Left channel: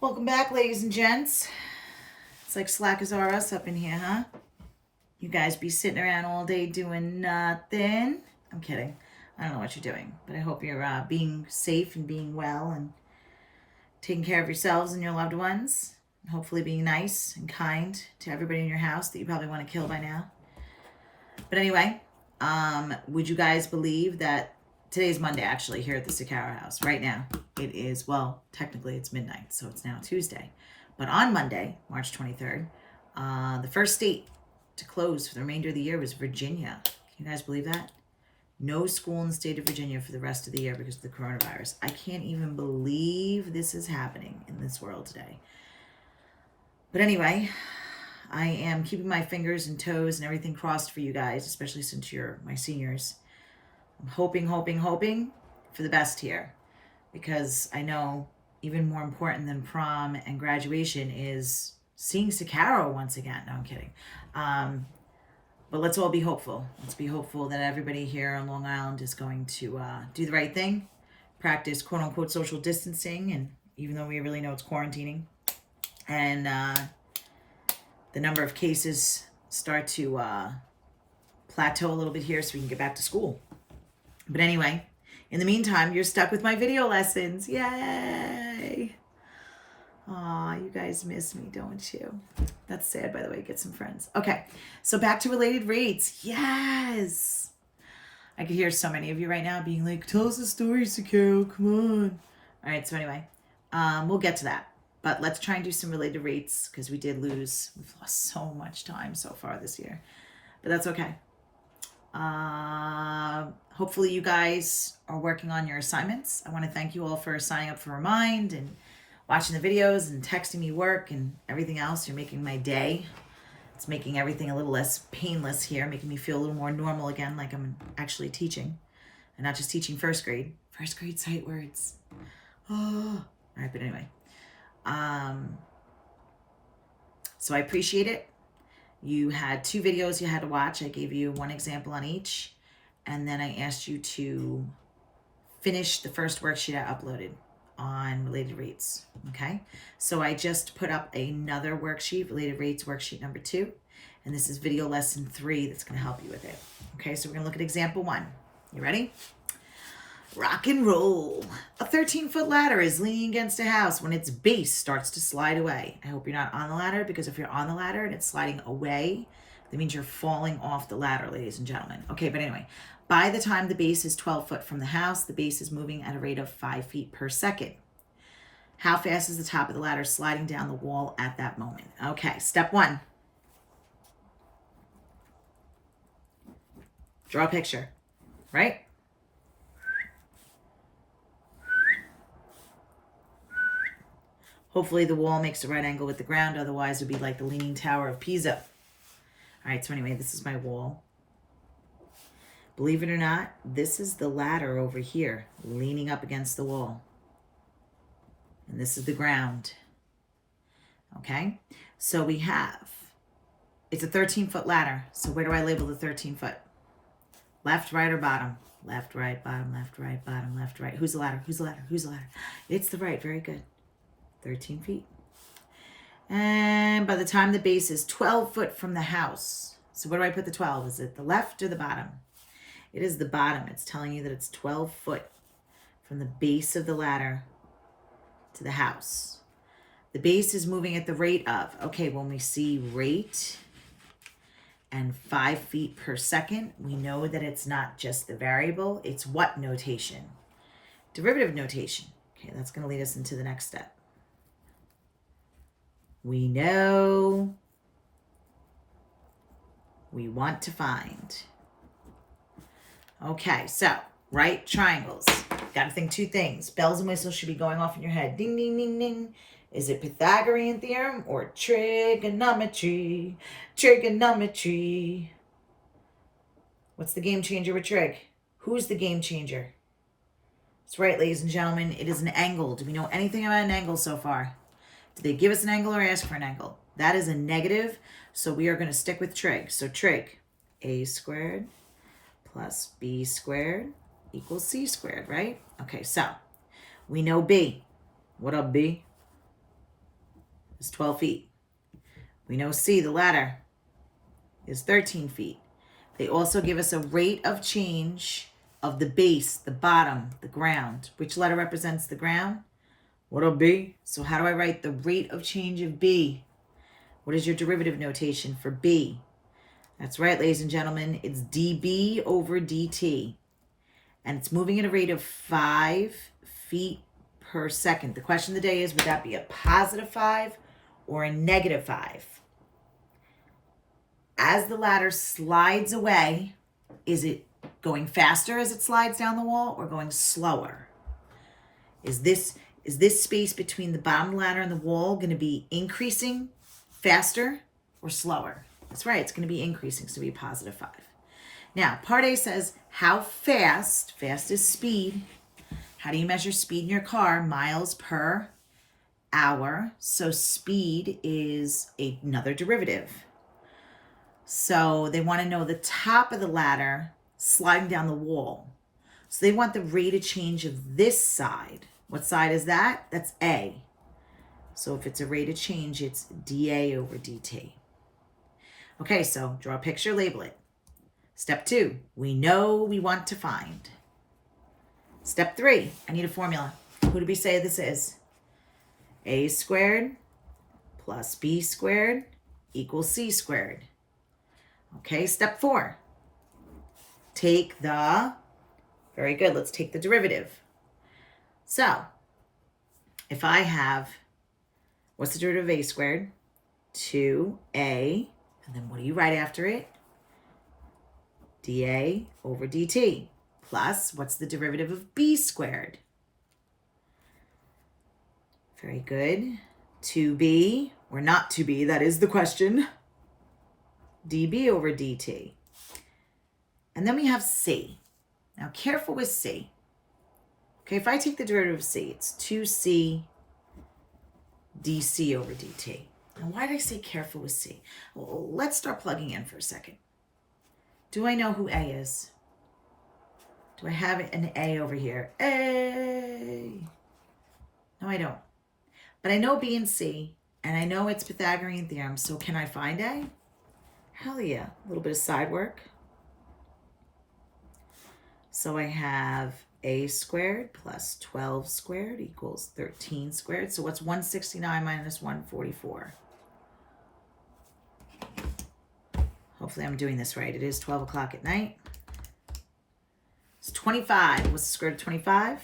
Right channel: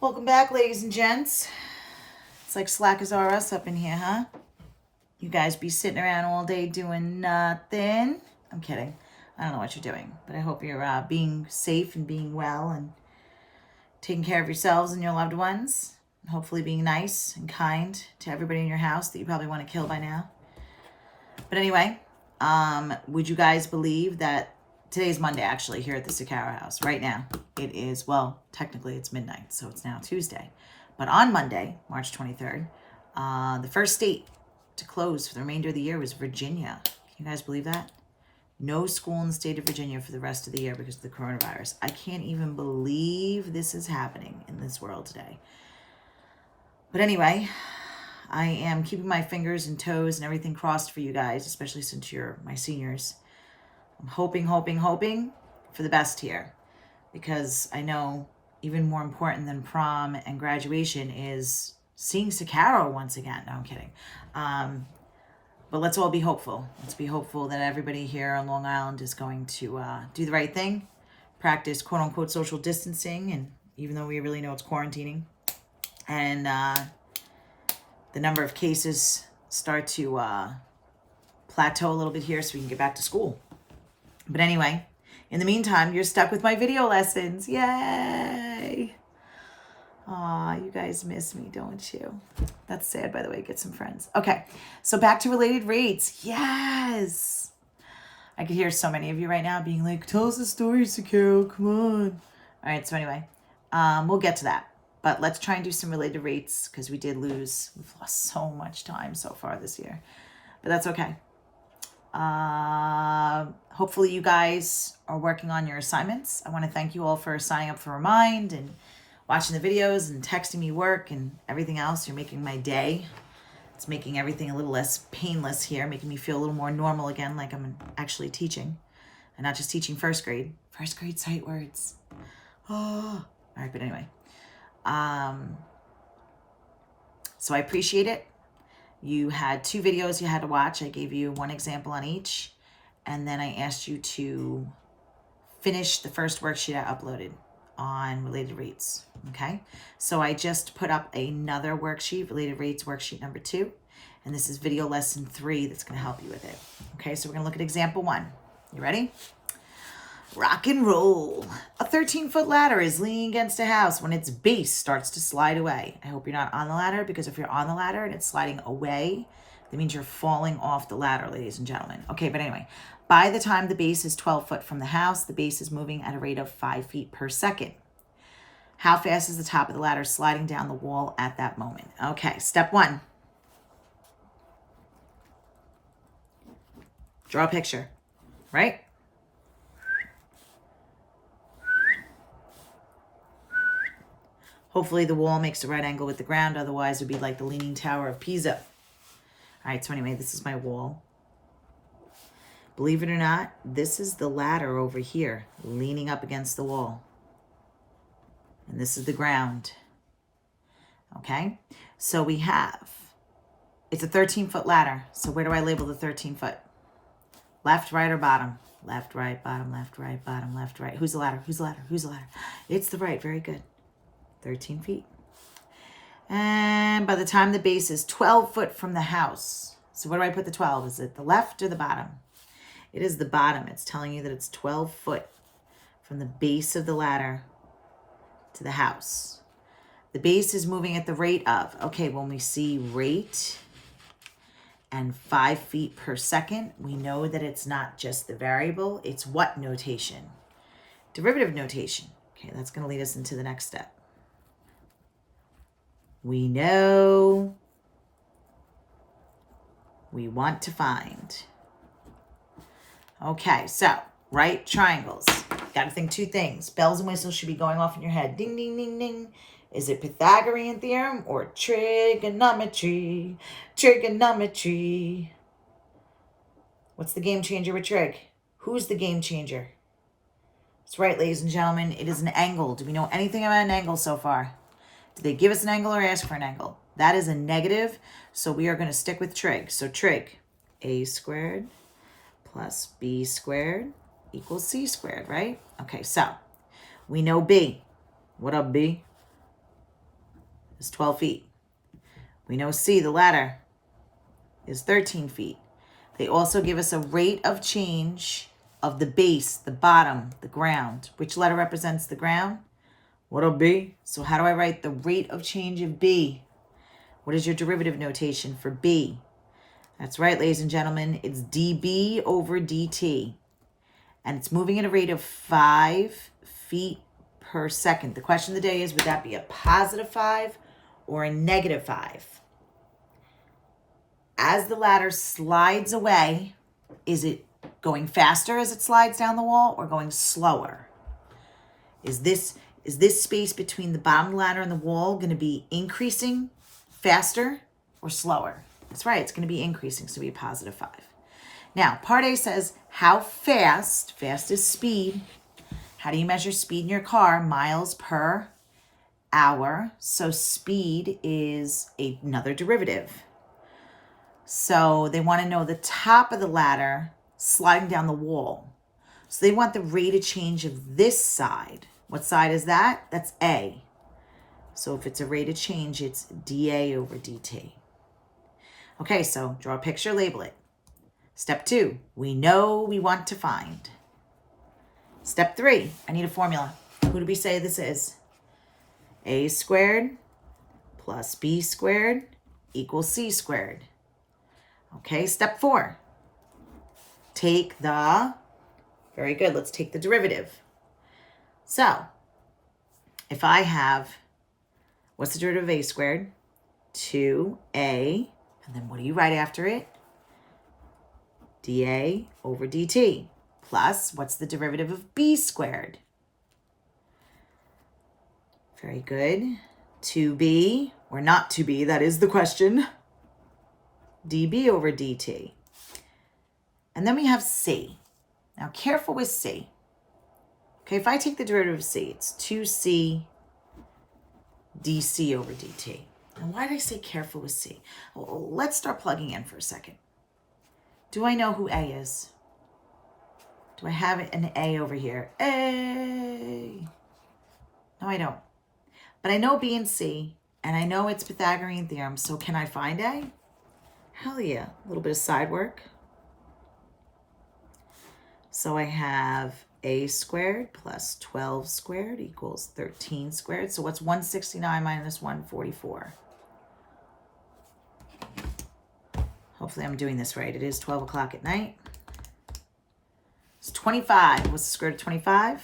Welcome back, ladies and gents. It's like slack as are us up in here, huh? You guys be sitting around all day doing nothing. I'm kidding. I don't know what you're doing, but I hope you're being safe and being well and taking care of yourselves and your loved ones. And hopefully being nice and kind to everybody in your house that you probably want to kill by now. But anyway, would you guys believe that today's Monday, actually, here at the Sakara house, right now? It is, well, technically it's midnight, so it's now Tuesday. But on Monday, March 23rd, the first state to close for the remainder of the year was Virginia. Can you guys believe that? No school in the state of Virginia for the rest of the year because of the coronavirus. I can't even believe this is happening in this world today. But anyway, I am keeping my fingers and toes and everything crossed for you guys, especially since you're my seniors. I'm hoping for the best here, because I know even more important than prom and graduation is seeing Sakaro once again. No, I'm kidding. But let's all be hopeful. Let's be hopeful that everybody here on Long Island is going to do the right thing, practice quote unquote social distancing, and even though we really know it's quarantining, and the number of cases start to plateau a little bit here so we can get back to school. But anyway, in the meantime, you're stuck with my video lessons. Yay! Aw, you guys miss me, don't you? That's sad, by the way. Get some friends. Okay, so back to related rates. Yes! I could hear so many of you right now being like, tell us a story, Sakaro, come on. All right, so anyway, we'll get to that. But let's try and do some related rates because we've lost so much time so far this year. But that's okay. Hopefully you guys are working on your assignments. I want to thank you all for signing up for Remind and watching the videos and texting me work and everything else. You're making my day. It's making everything a little less painless here, making me feel a little more normal again, like I'm actually teaching and not just teaching first grade sight words. Oh, all right. But anyway, so I appreciate it. You had 2 videos you had to watch. I gave you 1 example on each. And then I asked you to finish the first worksheet I uploaded on related rates. Okay. So I just put up another worksheet, related rates worksheet number 2. And this is video lesson 3 that's going to help you with it. Okay. So we're going to look at example 1. You ready? Rock and roll. A 13-foot ladder is leaning against a house when its base starts to slide away. I hope you're not on the ladder, because if you're on the ladder and it's sliding away, that means you're falling off the ladder, ladies and gentlemen. Okay, but anyway, by the time the base is 12 foot from the house, the base is moving at a rate of 5 feet per second. How fast is the top of the ladder sliding down the wall at that moment? Okay, step 1. Draw a picture, right? Hopefully the wall makes a right angle with the ground. Otherwise, it would be like the Leaning Tower of Pisa. All right, so anyway, this is my wall. Believe it or not, this is the ladder over here, leaning up against the wall. And this is the ground. Okay? So we have, it's a 13-foot ladder. So where do I label the 13-foot? Left, right, or bottom? Left, right, bottom, left, right, bottom, left, right. Who's the ladder? Who's the ladder? Who's the ladder? It's the right. Very good. 13 feet. And by the time the base is 12 foot from the house, so where do I put the 12? Is it the left or the bottom? It is the bottom. It's telling you that it's 12 foot from the base of the ladder to the house. The base is moving at the rate of, okay, when we see rate and 5 feet per second, we know that it's not just the variable, it's what notation? Derivative notation. Okay, that's going to lead us into the next step. We know we want to find. Okay, so right triangles. Got to think 2 things. Bells and whistles should be going off in your head. Ding, ding, ding, ding. Is it Pythagorean theorem or trigonometry? Trigonometry. What's the game changer with trig? Who's the game changer? That's right, ladies and gentlemen. It is an angle. Do we know anything about an angle so far? Did they give us an angle or ask for an angle? That is a negative, so we are going to stick with trig. So trig, a squared plus b squared equals c squared, right? Okay, so we know b. What up, b? is 12 feet. We know C, the ladder, is 13 feet. They also give us a rate of change of the base, the bottom, the ground. Which letter represents the ground? What'll B? So how do I write the rate of change of B? What is your derivative notation for B? That's right, ladies and gentlemen. It's dB over dt. And it's moving at a rate of 5 feet per second. The question of the day is, would that be a positive 5 or a negative 5? As the ladder slides away, is it going faster as it slides down the wall or going slower? Is this space between the bottom ladder and the wall going to be increasing faster or slower? That's right, it's going to be increasing, so it'll be a positive 5. Now, part A says, how fast is speed. How do you measure speed in your car? Miles per hour. So speed is another derivative. So they want to know the top of the ladder sliding down the wall. So they want the rate of change of this side. What side is that? That's A. So if it's a rate of change, it's dA over dt. Okay, so draw a picture, label it. Step 2, we know we want to find. Step 3, I need a formula. Who do we say this is? A squared plus B squared equals C squared. Okay, step 4. Take the, very good, let's take the derivative. So, if I have, what's the derivative of A squared? 2A, and then what do you write after it? dA over dt. Plus, what's the derivative of B squared? Very good. 2B, or not 2B, that is the question. dB over dt. And then we have C. Now, careful with C. Okay, if I take the derivative of C, it's 2C dC over dt. And why did I say careful with C? Well, let's start plugging in for a second. Do I know who A is? Do I have an A over here? A. No, I don't. But I know B and C, and I know it's Pythagorean theorem, so can I find A? Hell yeah. A little bit of side work. So I have A squared plus 12 squared equals 13 squared. So what's 169 minus 144? Hopefully I'm doing this right. It is 12 o'clock at night. It's 25. What's the square root of 25?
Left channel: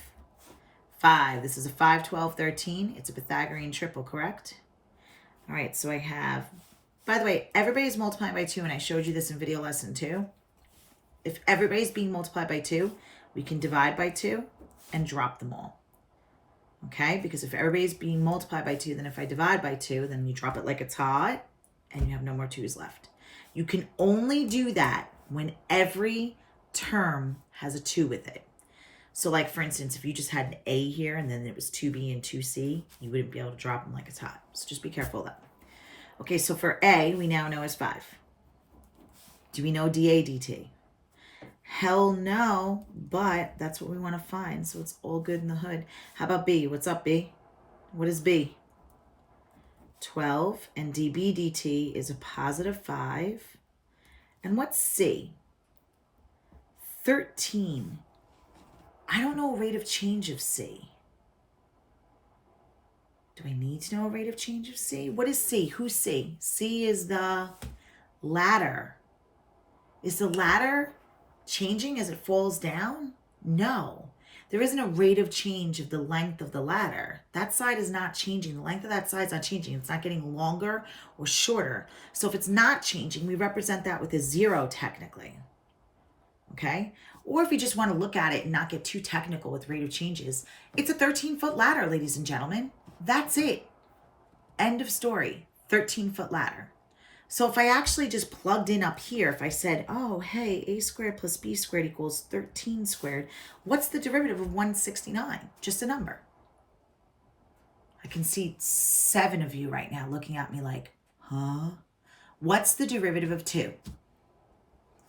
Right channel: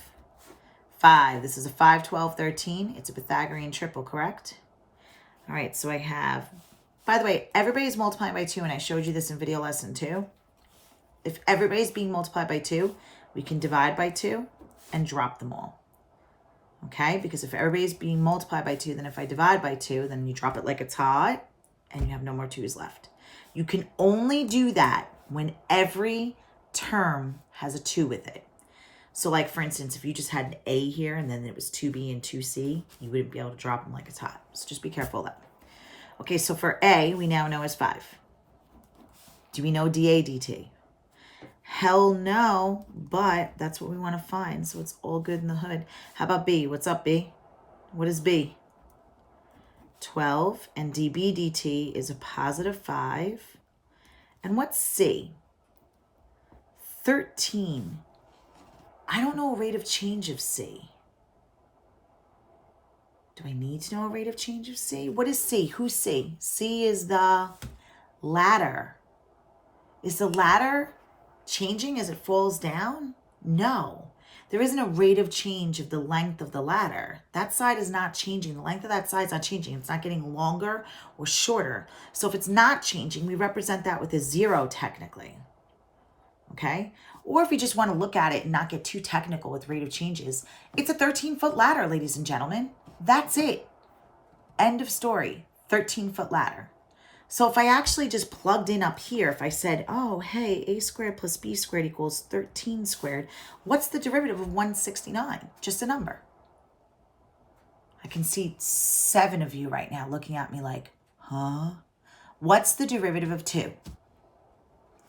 5. This is a 5, 12, 13. It's a Pythagorean triple, correct? All right, so I have, by the way, everybody's multiplying by 2, and I showed you this in video lesson 2. If everybody's being multiplied by 2, we can divide by 2 and drop them all. Okay, because if everybody's being multiplied by 2, then if I divide by 2, then you drop it like it's hot, and you have no more 2's left. You can only do that when every term has a 2 with it. So like, for instance, if you just had an A here and then it was 2B and 2C, you wouldn't be able to drop them like it's hot. So just be careful of that. Okay, so for A, we now know is 5. Do we know dA dt? Hell no, but that's what we want to find. So it's all good in the hood. How about B? What's up, B? What is B? 12, and dB dt is a positive 5. And what's C? 13. I don't know a rate of change of C. Do I need to know a rate of change of C? What is C? Who's C? C is the ladder. Is the ladder changing as it falls down? No. There isn't a rate of change of the length of the ladder. That side is not changing. The length of that side is not changing. It's not getting longer or shorter. So if it's not changing, we represent that with a 0 technically. Okay? Or if you just want to look at it and not get too technical with rate of changes, it's a 13-foot ladder, ladies and gentlemen. That's it. End of story. 13-foot ladder. So if I actually just plugged in up here, if I said, oh, hey, A squared plus B squared equals 13 squared, what's the derivative of 169? Just a number. I can see 7 of you right now looking at me like, huh? What's the derivative of 2?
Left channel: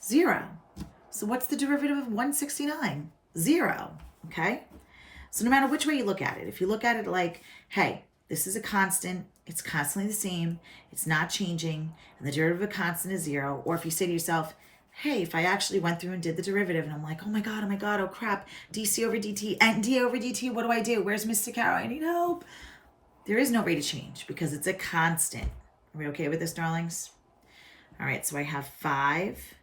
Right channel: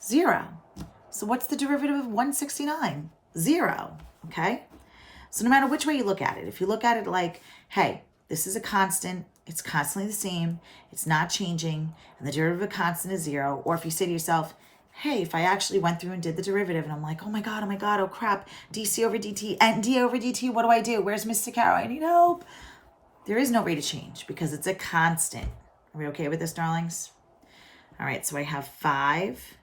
0. So what's the derivative of 169? 0, okay? So no matter which way you look at it, if you look at it like, hey, this is a constant. It's constantly the same. It's not changing. And the derivative of a constant is 0. Or if you say to yourself, hey, if I actually went through and did the derivative and I'm like, oh my God, oh crap, dc over dt and dA over dt, what do? Where's Mr. Carroll? I need help. There is no rate of change because it's a constant. Are we okay with this, darlings? All right, so I have 5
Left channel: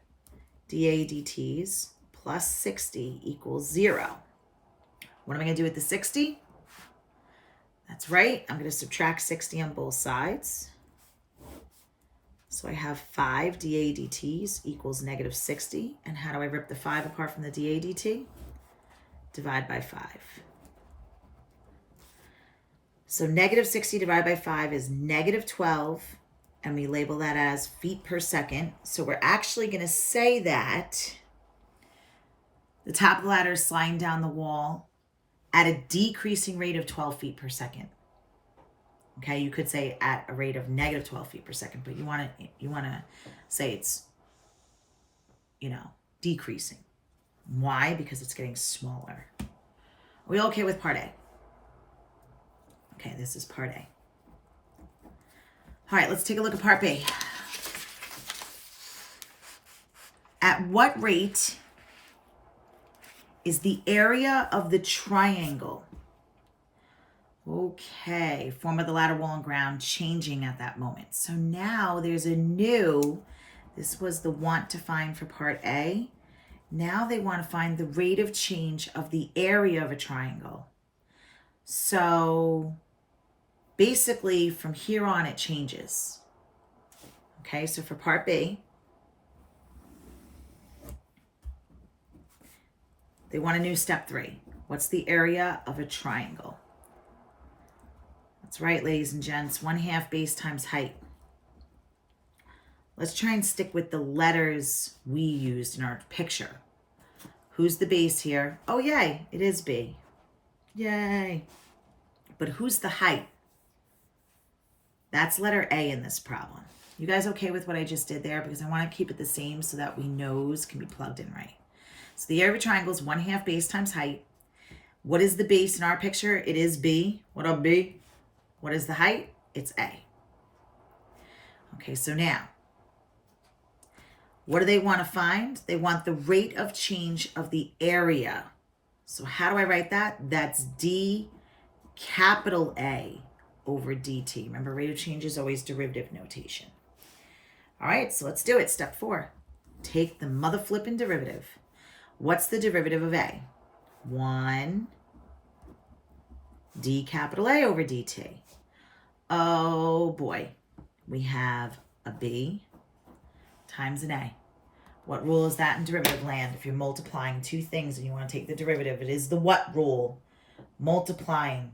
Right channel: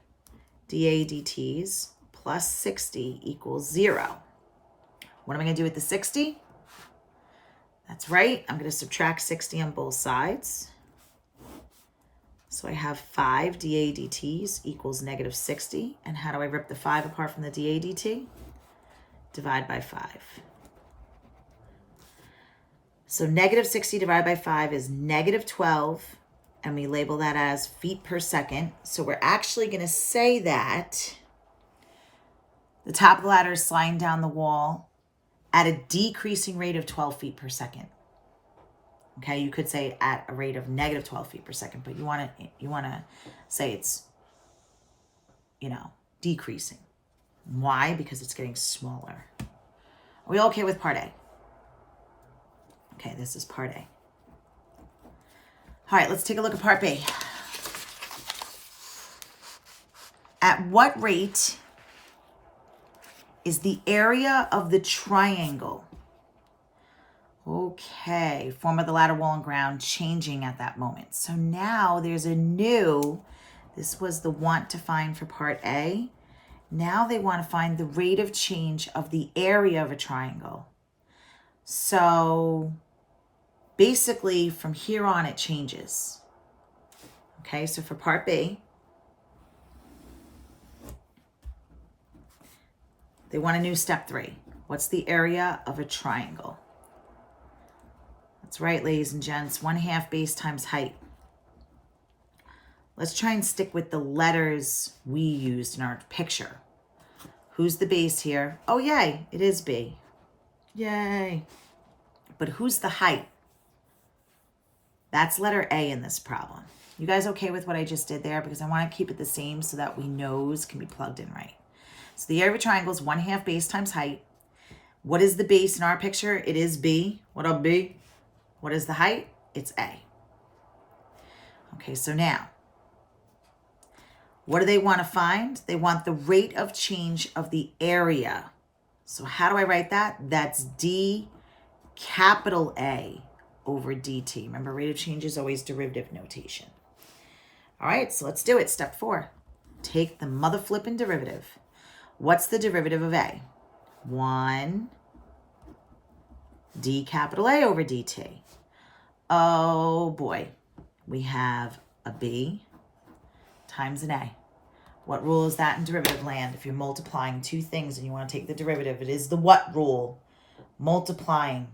dA dt's plus 60 equals 0. What am I going to do with the 60? That's right. I'm going to subtract 60 on both sides. So I have 5 dA dt's equals negative 60. And how do I rip the 5 apart from the dA dt? Divide by 5. So negative 60 divided by 5 is negative 12. And we label that as feet per second. So we're actually going to say that the top of the ladder is sliding down the wall at a decreasing rate of 12 feet per second. Okay, you could say at a rate of negative 12 feet per second, but you want to say it's, decreasing. Why? Because it's getting smaller. Are we okay with part A? Okay, this is part A. All right, let's take a look at part B. At what rate is the area of the triangle? Okay, form of the ladder, wall, and ground changing at that moment. So now there's a new, this was the want to find for part A. Now they want to find the rate of change of the area of a triangle. So basically from here on it changes. Okay, so for part B, they want a new step 3. What's the area of a triangle? That's right, ladies and gents, 1/2 base times height. Let's try and stick with the letters we used in our picture. Who's the base here? Oh, yay, it is B. Yay. But who's the height? That's letter A in this problem. You guys okay with what I just did there? Because I want to keep it the same so that we knows can be plugged in right. So the area of a triangle is 1/2 base times height. What is the base in our picture? It is B. What up, B? What is the height? It's A. Okay, so now, what do they want to find? They want the rate of change of the area. So how do I write that? That's D capital A over dt. Remember, rate of change is always derivative notation. All right, so let's do it. Step 4. Take the mother flipping derivative. What's the derivative of A? 1 D capital A over dt. Oh boy, we have a B times an A. What rule is that in derivative land? If you're multiplying two things and you want to take the derivative, it is the what rule? Multiplying.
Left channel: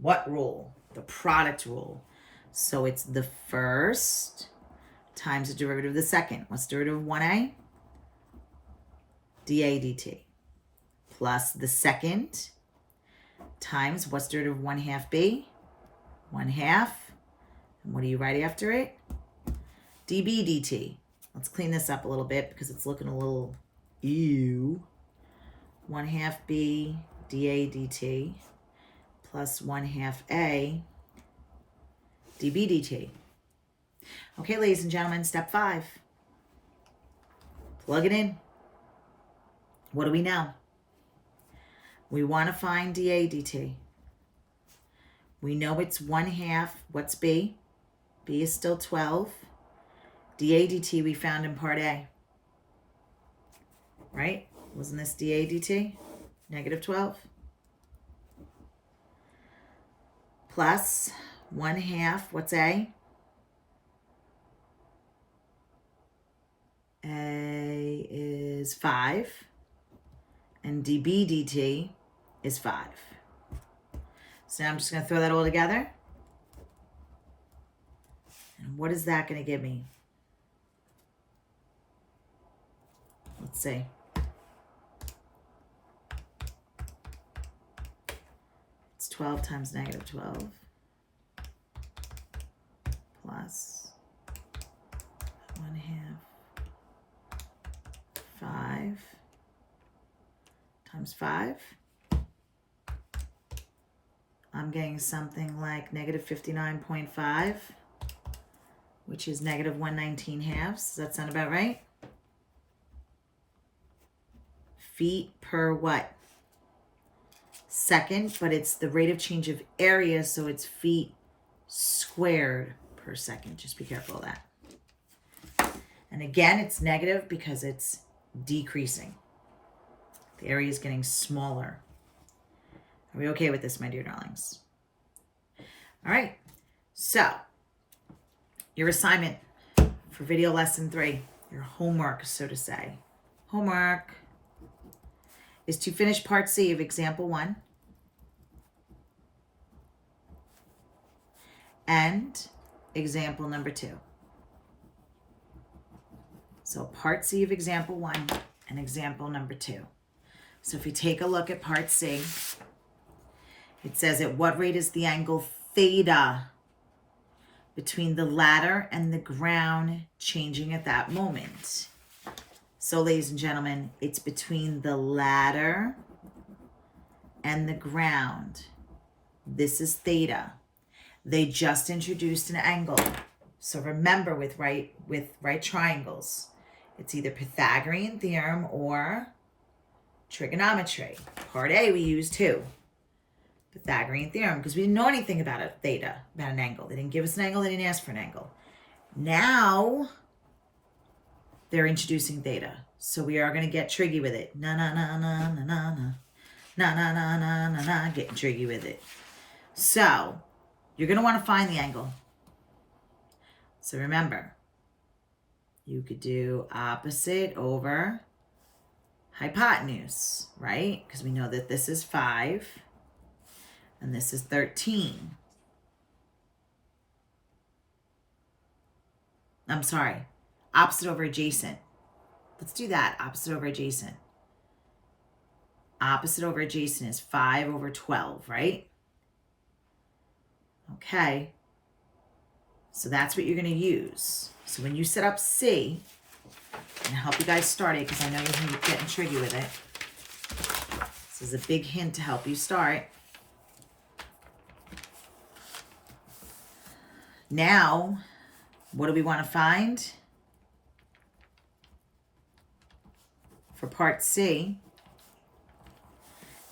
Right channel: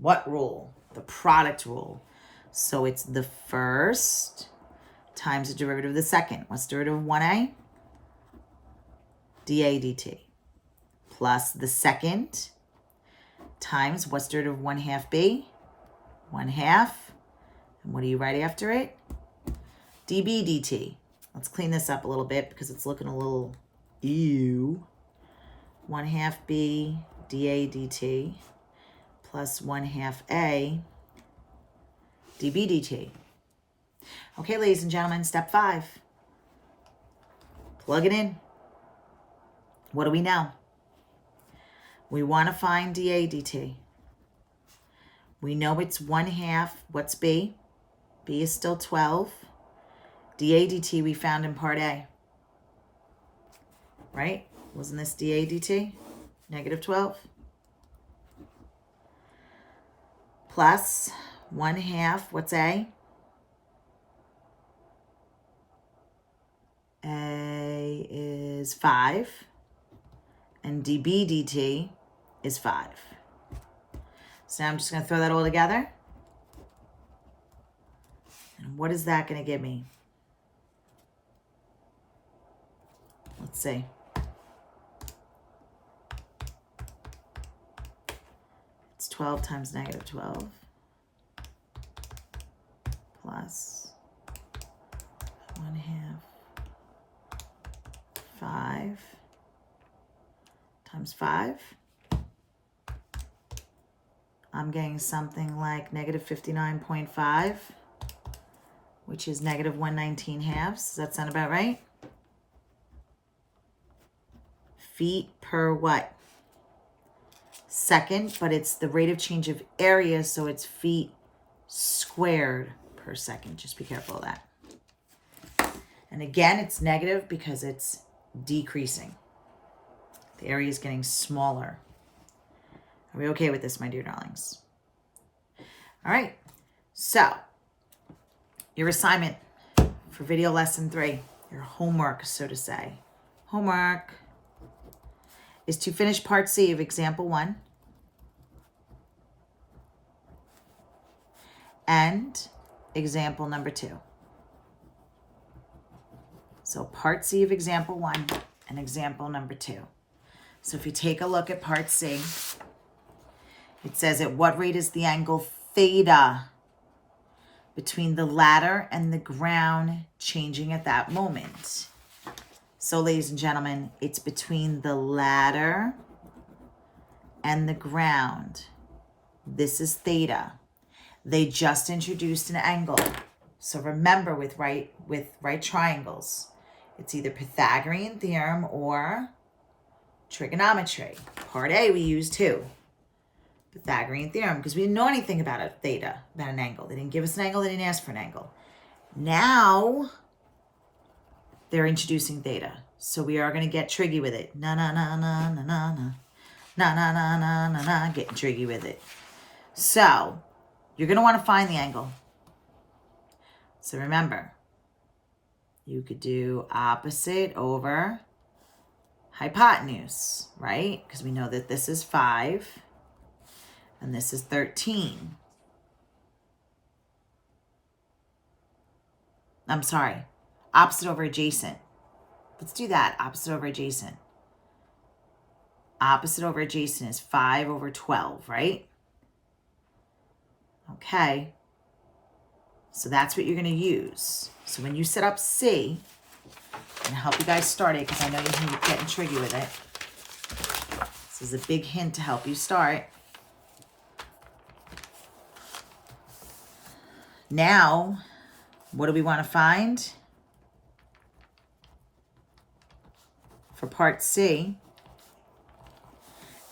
What rule? The product rule. So it's the first times the derivative of the second. What's the derivative of 1A? dA dt. Plus the second times what's the derivative of 1/2 B? 1/2. And what do you write after it? dB dt. Let's clean this up a little bit because it's looking a little ew. 1/2 B dA dt plus 1/2 A dB dt. Okay, ladies and gentlemen, step 5. Plug it in. What do we know? We want to find dA dt. We know it's 1/2. What's B? B is still 12. dA dt we found in part A. Right? Wasn't this dA dt? Negative 12. Plus 1/2. What's A? A is 5. And dB dt is 5. So now I'm just going to throw that all together. And what is that going to give me? Let's see. It's 12 times negative 12 plus 1/2 5 times 5. I'm getting something like negative 59.5, which is negative 119 halves. Does that sound about right? Feet per what? Second, but it's the rate of change of area, so it's feet squared per second. Just be careful of that. And again, it's negative because it's decreasing. The area is getting smaller. Are we okay with this, my dear darlings? All right. So, your assignment for video lesson 3, your homework, so to say. Homework is to finish part C of example 1 and example number 2. So part C of example 1 and example number 2. So if you take a look at part C, it says at what rate is the angle theta between the ladder and the ground changing at that moment? So ladies and gentlemen, it's between the ladder and the ground. This is theta. They just introduced an angle. So remember with right triangles, it's either Pythagorean theorem or trigonometry. Part A we used too. Pythagorean theorem, because we didn't know anything about a theta, about an angle. They didn't give us an angle, they didn't ask for an angle. Now they're introducing theta. So we are going to get tricky with it. Na na na na na na na. Na na na na na na, getting tricky with it. So you're going to want to find the angle. So remember, you could do opposite over hypotenuse, right? Because we know that this is 5 and this is 13. I'm sorry, opposite over adjacent. Let's do that, opposite over adjacent. Opposite over adjacent is 5 over 12, right? Okay. So that's what you're going to use. So when you set up C, I'm going to help you guys start it because I know you're getting tricky with it. This is a big hint to help you start. Now, what do we want to find? For part C,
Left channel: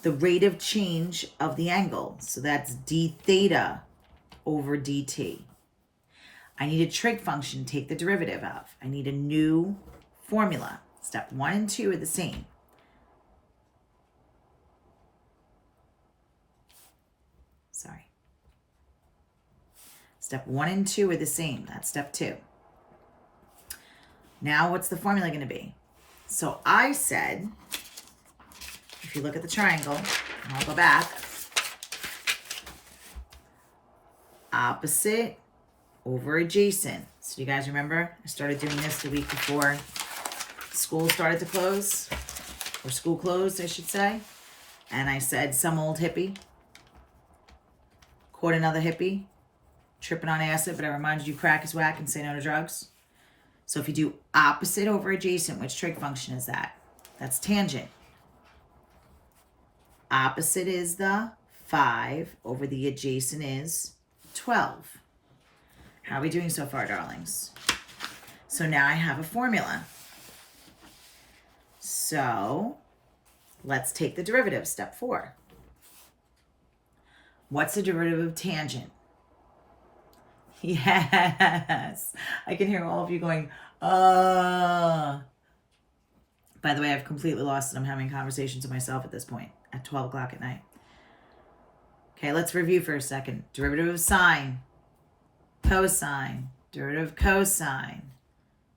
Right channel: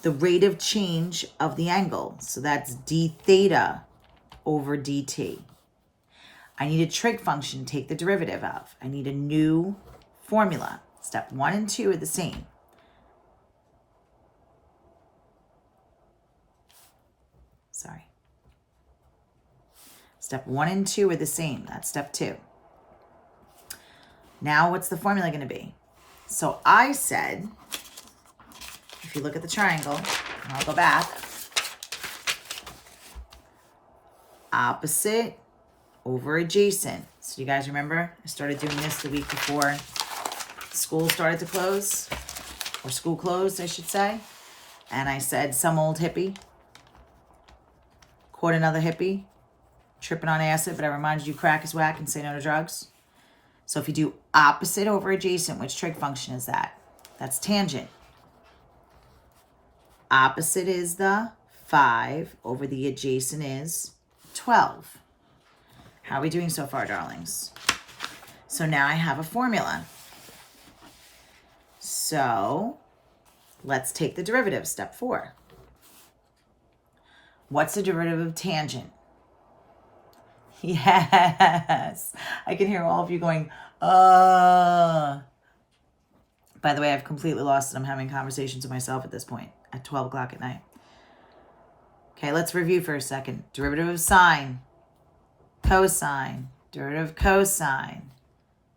the rate of change of the angle. So that's d theta over dt. I need a trig function to take the derivative of. I need a new formula. Step 1 and 2 are the same. Sorry. Step 1 and 2 are the same. That's step 2. Now what's the formula going to be? So I said, if you look at the triangle, and I'll go back, opposite over adjacent. So you guys remember, I started doing this the week before school started to close, or school closed, I should say. And I said some old hippie caught another hippie tripping on acid, but I reminded you crack is whack and say no to drugs. So if you do opposite over adjacent, which trig function is that? That's tangent. Opposite is the 5 over the adjacent is 12. How are we doing so far, darlings? So now I have a formula. So let's take the derivative, step 4. What's the derivative of tangent? Yes, I can hear all of you going, By the way, I've completely lost it. I'm having conversations with myself at this point at 12 o'clock at night. Okay, let's review for a second. Derivative of sine, cosine, derivative of cosine,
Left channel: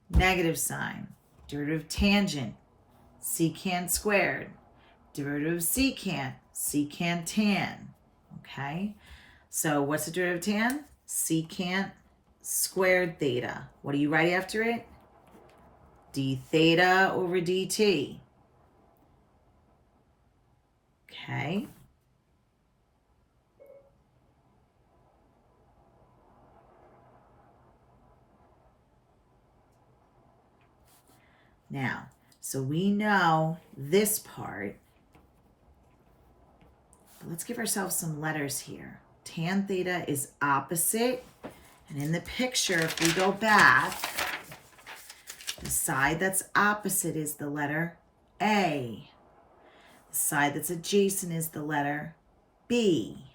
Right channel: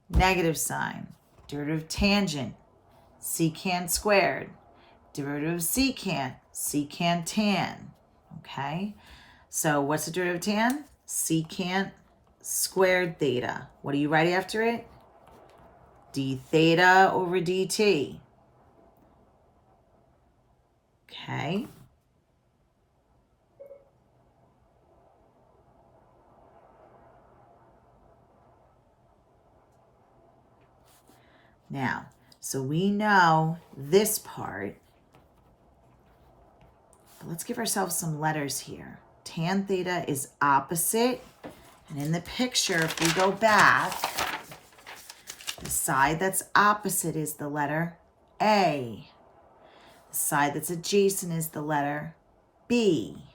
negative sine, derivative of tangent, secant squared, derivative of secant, secant tan. Okay, so what's the derivative of tan? Secant squared theta. What do you write after it? D theta over dt. Okay. Now, so we know this part, but let's give ourselves some letters here. Tan theta is opposite. And in the picture, if we go back, the side that's opposite is the letter A. The side that's adjacent is the letter B.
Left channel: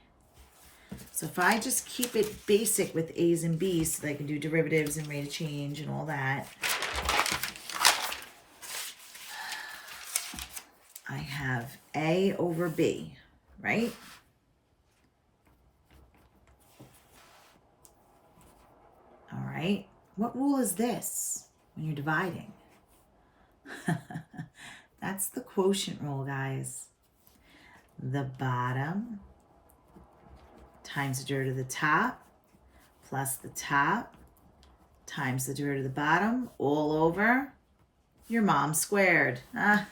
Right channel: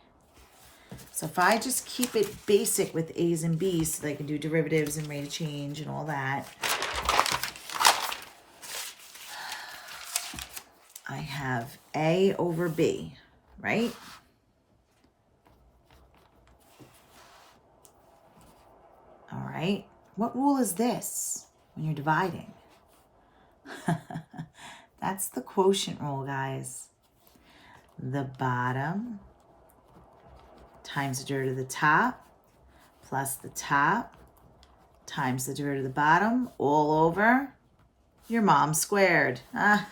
So if I just keep it basic with A's and B's so they can do derivatives and rate of change and all that, I have A over B, right? All right. What rule is this when you're dividing? That's the quotient rule, guys. The bottom times the derivative of the top plus the top times the derivative of the bottom all over your mom squared. All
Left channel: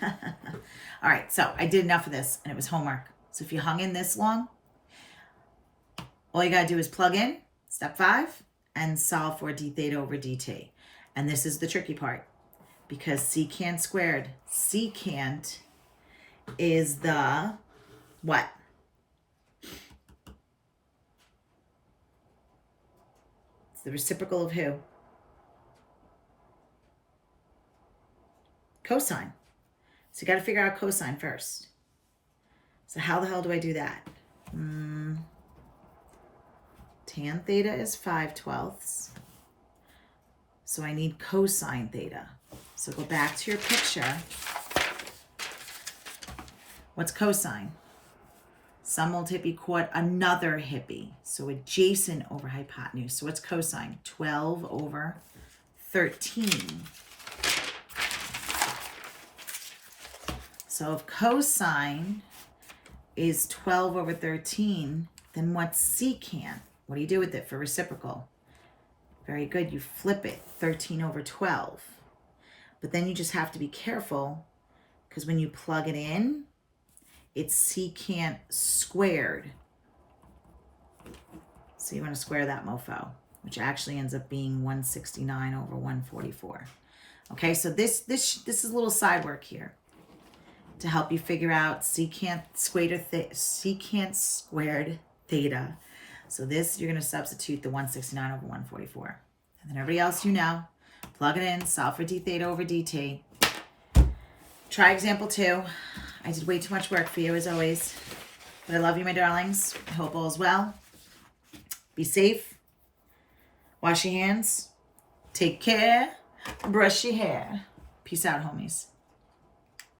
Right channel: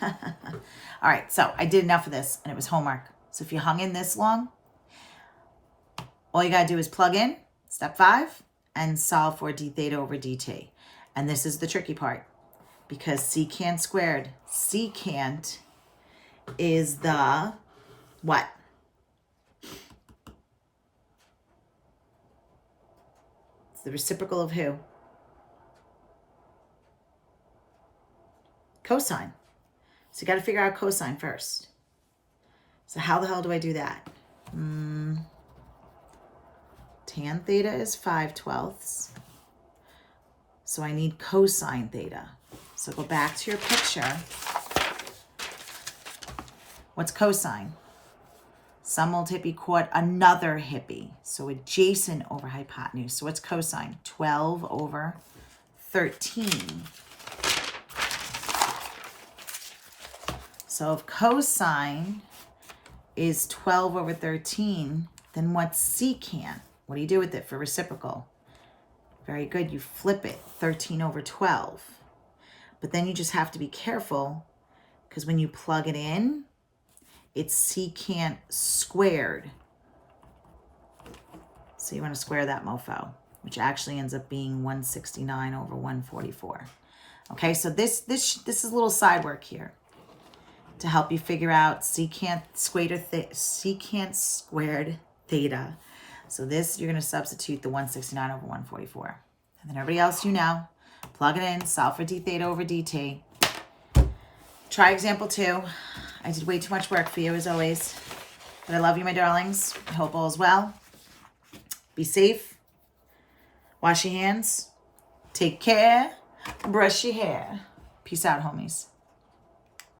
right, so I did enough of this and it was homework. So if you hung in this long, all you gotta do is plug in step 5 and solve for d theta over dt. And this is the tricky part because secant squared, secant is the what? It's the reciprocal of who? Cosine. So you got to figure out cosine first. So how the hell do I do that? Tan theta is 5/12. So I need cosine theta. So go back to your picture. What's cosine? Some old hippie caught another hippie. So adjacent over hypotenuse. So what's cosine? 12 over 13. So if cosine is 12 over 13, then what's secant? What do you do with it for reciprocal? Very good. You flip it, 13 over 12. But then you just have to be careful because when you plug it in, it's secant squared. So you want to square that mofo, which actually ends up being 169 over 144. Okay, so this is a little side work here to help you figure out secant squared theta. So this, you're going to substitute the 169 over 144. And then everybody else you know, plug it in, solve for d theta over dt. Try example 2. I did way too much work for you as always. But I love you, my darlings. I hope all is well. Be safe. Wash your hands. Take care. Brush your hair. Peace out, homies.